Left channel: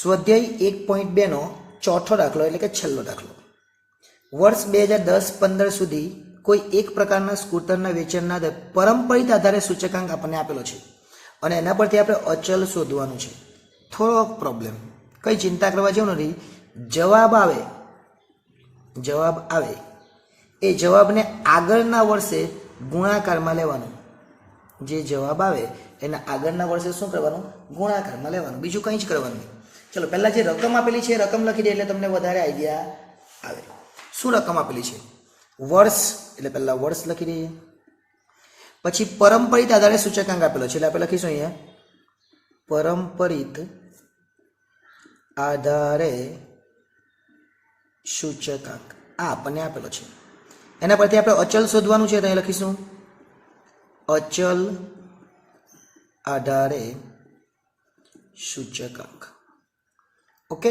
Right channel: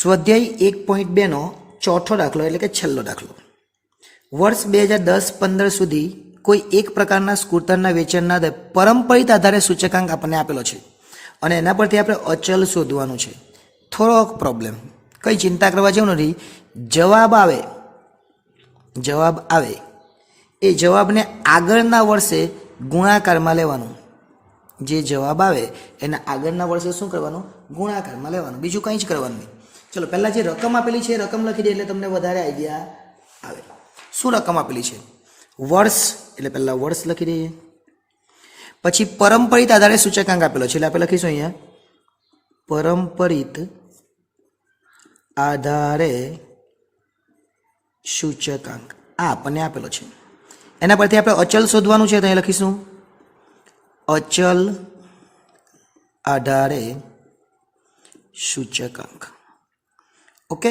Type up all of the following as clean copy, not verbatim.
સ્વાધ્યાય 1.2 નો ચોથો દાખલો એટલે કે છેલ્લો દાખલો. વર્ષ 2010-15 સુધી કોઈ એક પ્રકારના સ્કૂટરના વેચાણના પરંપરિત આધારે સૂચકાંક આપણને આપેલો છે અને એના પરથી આપણે અચલ શોધવાનું છે. થોડોક પ્રોબ્લેમ, કંઈ ચિંતા કરવા જેવું નથી. જવાબ આવે એ જવાબને આગળના વર્ષે ગુણાકારમાં લેવાનું. જે જવાબ આવે એના આગળના વર્ષે શું કરવાનું? ગુણાકારમાં લેવાનું. બીજું કંઈ જ કરવાનું નહીં. ચલો પહેલાં જે રકમ આપેલી છે એ રકમ લખી દે એટલે તમને વધારે આઈડિયા આવે. શું રકમ આપેલી છે? વર્ષ, એટલે પહેલાં વર્ષ લખી દઈએ. પછી પરંપરિત આધારે સૂચકાંક આપેલો છે એટલે આપણે લખીશું અહીંયા પરંપરિત આધારે સૂચકાંક. આ આપણને આપેલો છે. એના પરથી આપણે અચલ શોધવાનું છે તો અહીંયા લખીશું અચલ આધારે સૂચકાંક. ઓકે,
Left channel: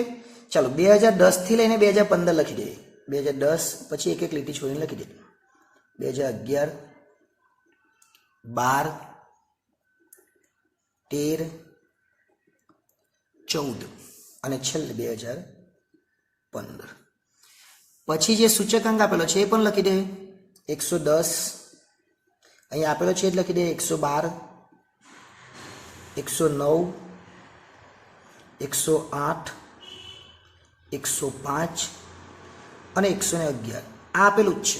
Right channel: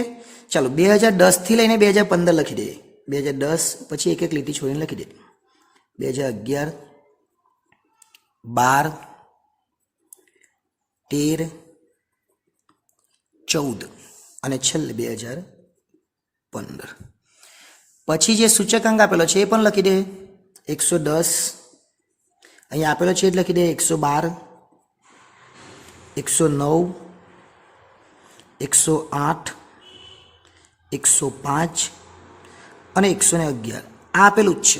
ચાલો 2010 લઈને 2015 લખી દઈએ. 2010 પછી એક એક લીટી છોડીને લખી દઈએ. 2011, 12, 13, 14 અને છેલ્લે 2015. પછી જે સૂચકાંક આપેલો છે એ પણ લખી દે. 110 અહીંયા આપેલો છે એટલે લખી દે. 112, 109, 108, 105 અને 111 આ આપેલું જ છે.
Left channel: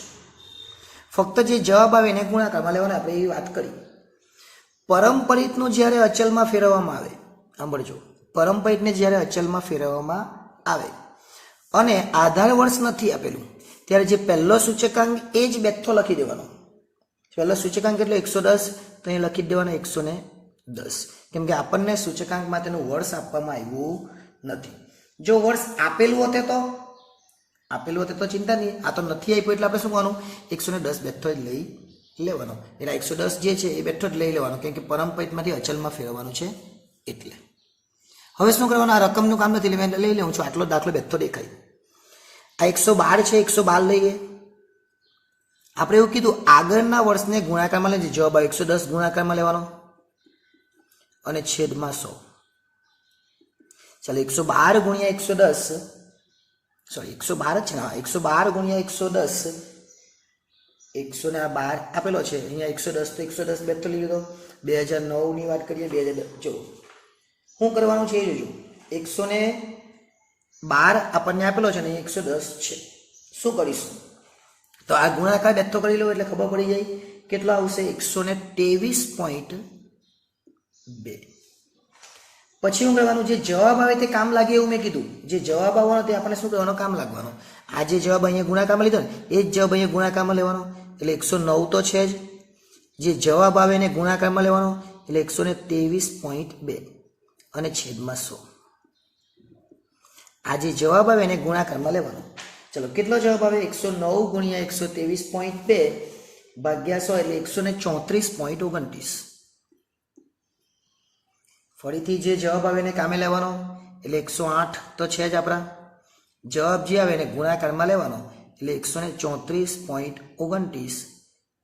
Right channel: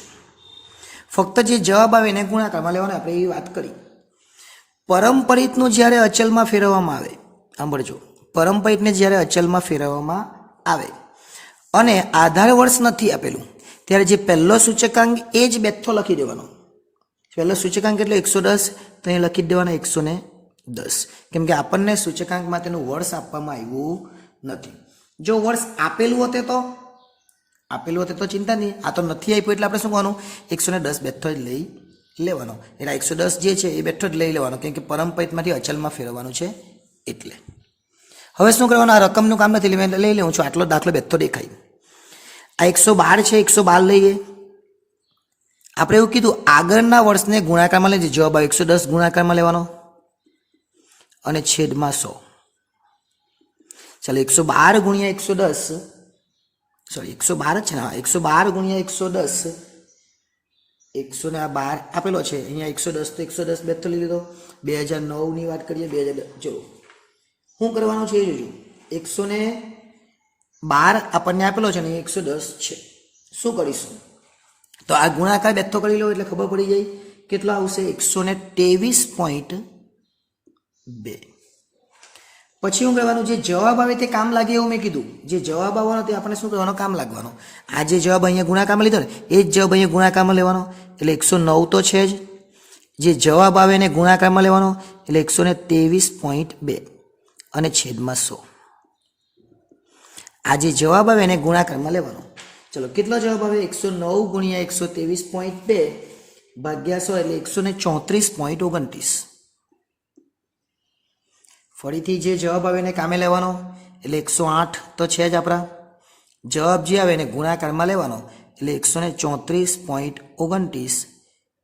ફક્ત જે જવાબ આવે એને ગુણાકારમાં લેવાનો. આપણે એ વાત કરી. પરંપરિતનું જ્યારે અચલમાં ફેરવવામાં આવે, સાંભળજો, પરંપરિતને જ્યારે અચલમાં ફેરવવામાં આવે અને આધાર વર્ષ નથી આપેલું ત્યારે જે પહેલો સૂચકાંક એ જ બેઠો લખી દેવાનો. પહેલો સૂચકાંક એટલે 110 તો અહીં લખી દેવાનો 110, કેમ કે આપણને સૂચકાંકમાં તેનું વર્ષ આપવામાં આવ્યું નથી. જો વર્ષ આપેલું હોતે તો ચિંતા નહીં. આ તો નથી આપ્યું એટલે આપણે શું કરવાનું? 110 બેઠો જ લઈ લેવાનો. એટલે 110 જે છે એ બેઠો જ લઈ લેવાનો, કેમ કે પરંપરિતમાંથી અચલમાં ફેરવવાનું છે એટલે. હવે શું કરવાનું? આ રકમનું કામ નથી, લઈ લઉં છું. આટલો દાખલો બેઠો દેખાય. આ 112 છે, 112 લઈએ. આપણે એવું કીધું આગળના વર્ષને ગુણાકારમાં લઈએ. જવાબ 110 ગુણાકારમાં લેવાનો અને છેદમાં 100. ચાલો 112 ગુણ્યા 110, સોરી 112 છે ને, 112 ગુણ્યા 110, 112 આપેલો છે અહીંયા 110 તો 110 બેઠો લઈ લીધો. 2009 ની વાત કરીએ. 2010 જો શું કરવાનું છે એ જોજો. 112 આપણને આપેલો છે ને 110 છે. શું કરીશું? તો આ ગુણાકાર બેઠો કરી લો એટલે ખબર પડી જાય કેટલો આવશે. 123.2. પછી શું કરવાનું? જે જવાબ આવે તે કામ લાગે એવું મેં કીધું. જે જવાબ આવવાનો તે આપણે શું કરવાનો? કામ લાગવાનો. આ જે જવાબ અહીંયા ગુણાકારમાં લીધો ને એ જ જવાબ અહીંયા ગુણાકારમાં લેવાનો એટલે 109 તો છે જ. જે જવાબ આવે એને ગુણાકારમાં લેવાનો એટલે 123.2 અને છેદમાં 100. આ જે જવાબ આવે એને ગુણાકારમાં લેવાનો. ચલો કેટલો જવાબ આવે? 109 ગુણ્યા 123.2 ભાગ્યા 100 એટલે 134.29. ફરીથી જે જવાબ આવે એને કામે લેવાનો એટલે 108 તો છે જ આપણા. જવાબ જે આવે એને ગુણાકારમાં લેવાનો એટલે 134.29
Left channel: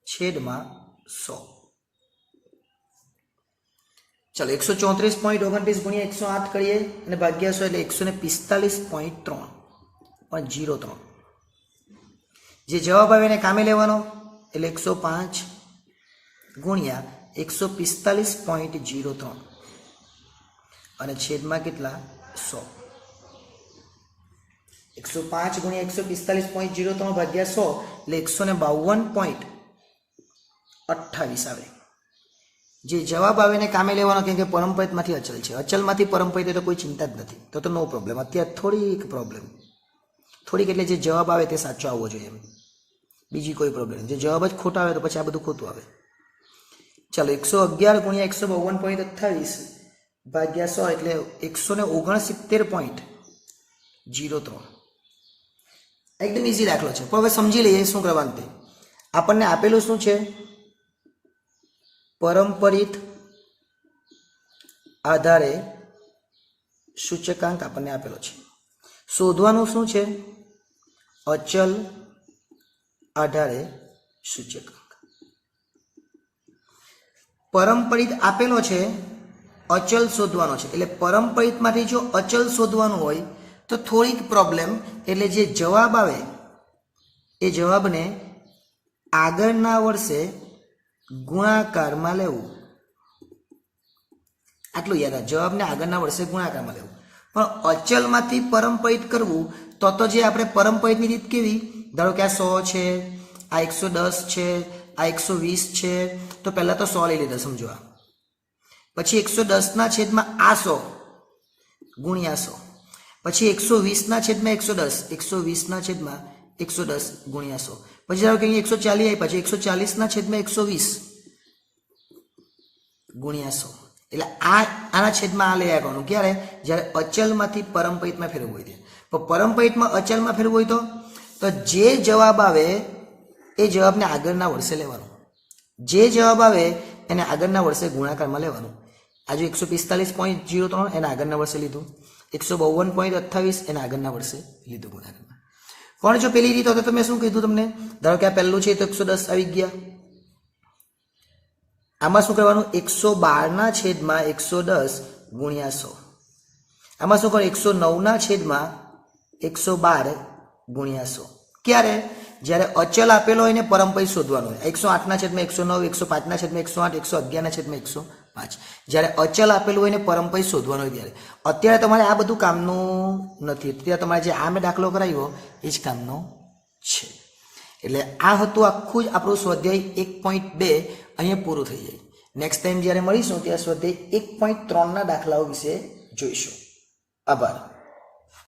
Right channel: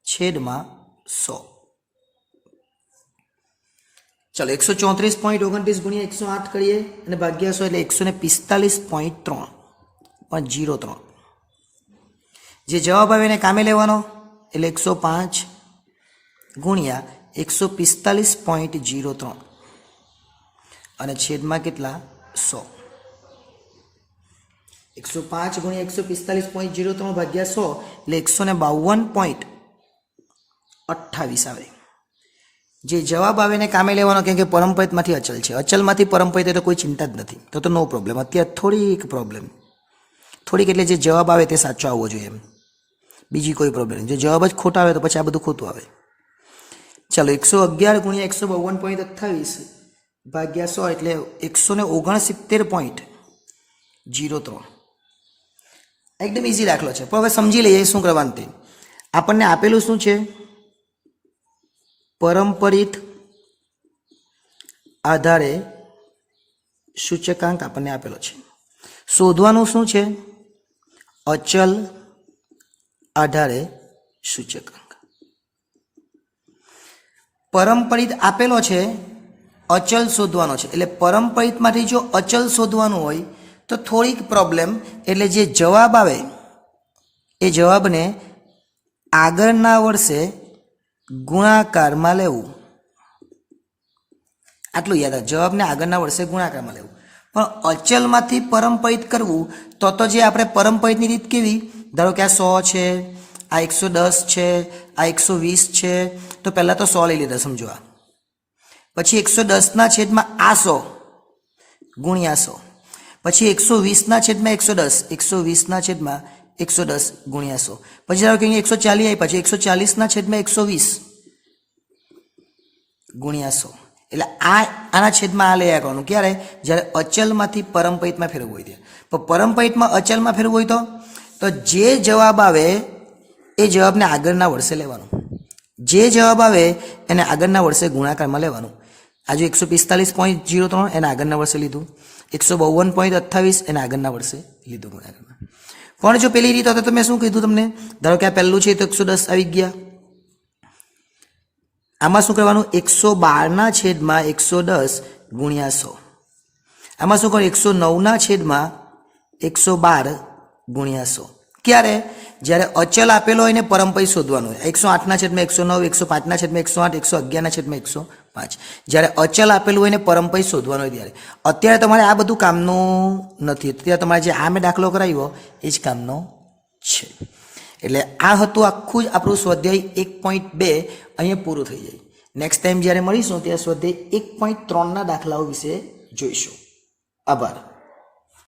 છેદમાં 100. ચલો 134.29 ગુણ્યા 108 કરીએ અને ભાગ્યા 100 એટલે 145.3. જે જવાબ આવે એને કામે લેવાનો એટલે 105 ગુણ્યા 145.03 અને છેદમાં કેટલા? 100. 105 ગુણ્યા 145.03 ભાગ્યા 100 એટલે 152.28 આવે. જે જવાબ આવે એને કામે લેવાનો, કેમ કે પરંપરિતમાંથી અચલ છે. અચલમાંથી પરંપરિત તો કોઈ ચિંતા જ નથી, તો નો પ્રોબ્લેમ. અત્યારે થોડીક પ્રોબ્લેમ, થોડીક એટલે જે જવાબ આવે તે સાચો આવવો જોઈએ એમ, બીજી કોઈ પ્રોબ્લેમ. જે જવાબ જ ખોટા આવે તો પછી આ બધું ખોટું આવે. ચાલો 111 ગુણ્યા 152.28 ભાગ્યા 100 એટલે 169.03. એકદમ ઇઝી દાખલો છે, પણ હવે સમજી લઈએ શું કરવાનું તે. આપણને આપેલું શું છે? પરંપરિત આધારે સૂચકાંક આપણને આપેલો છે. શોધવાનું શું છે? અચલ આધારે સૂચકાંક. પરંપરિત આપેલો છે અચલ શોધવાનો છે. એટલે પરંપરિતમાંથી જો અચલ શોધવાનું હોય તો થોડીક પ્રોબ્લેમ, એટલે જે જવાબ આવે એ જવાબને આગળના વર્ષે ગુણાકારમાં લેવું. આટલું યાદ રાખો, જવાબને આગળના વર્ષે ગુણાકારમાં લેવું. પણ અચલમાંથી પરંપરિત કરવું તો જે આપણે પરંપરિતની રીત કેવી, ધારો કે આ 100 છે, આ 110 છે, આ 120 છે, તો પહેલાં તો 100 લઈ લીધા, સમજો. આ પછી 110ના છેદમાં આ 100 ગુણ્યા 100, પછી 120ના છેદમાં 110, 120ના છેદમાં 110 ગુણ્યા 100, પછી ધારો કે અહીંયા 140 આવી, પછી 140ના છેદમાં 120 ગુણ્યા 100. એટલે આના છેદમાં આ લઈ આવવાનું ક્યારે, જ્યારે અચલમાંથી પરંપરિતમાં ફેરવવું હોય ત્યારે. પણ પરંપરિતમાં અચલમાં ફેરવવું હોય તો જે જવાબ આવે એ જવાબને આગળના વર્ષે લેવાનું. જે જવાબ આવે એને આગળના વર્ષે ગુણાકારમાં લેવાનું. આજે 145.03 એને આગળના વર્ષે લીધું, 152.28 એને આગળના વર્ષે લીધું ગુણાકારમાં. પણ જો પેલી રીત તો મેં શું કીધું તમને, ધારો કે આ પહેલું છે તો 110 આવી ગયા, આમાં શું કરવાનું, 112ના છેદમાં 110 ગુણ્યા 100. આમાં શું કરવાનું, 109ના છેદમાં 112 ગુણ્યા 100. ક્યારે, જ્યારે અચલ આપેલો હોય ને પરંપરિત શોધવાનું હોય. 108ના છેદમાં 109, 105ના છેદમાં 108, 111ના છેદમાં 105. જ્યારે અચલ આપેલું હોય ને પરંપરિત શોધવાનું હોય ત્યારે. અત્યારે તમારે આ બધું કામનું નથી, અત્યારે તમારે જે આ મેં દાખલો કરાવ્યો એ જ કામનો છે. એટલે આ હતું આખું જ આપણું સ્વાધ્યાય 1.2 અહીંયા પૂરું થઈ જાય. નેક્સ્ટ ટાઈમ જ્યારે મળીશું ત્યારે સ્વાધ્યાય 1.3ના દાખલાઓ વિશે જોઈશું. આભાર.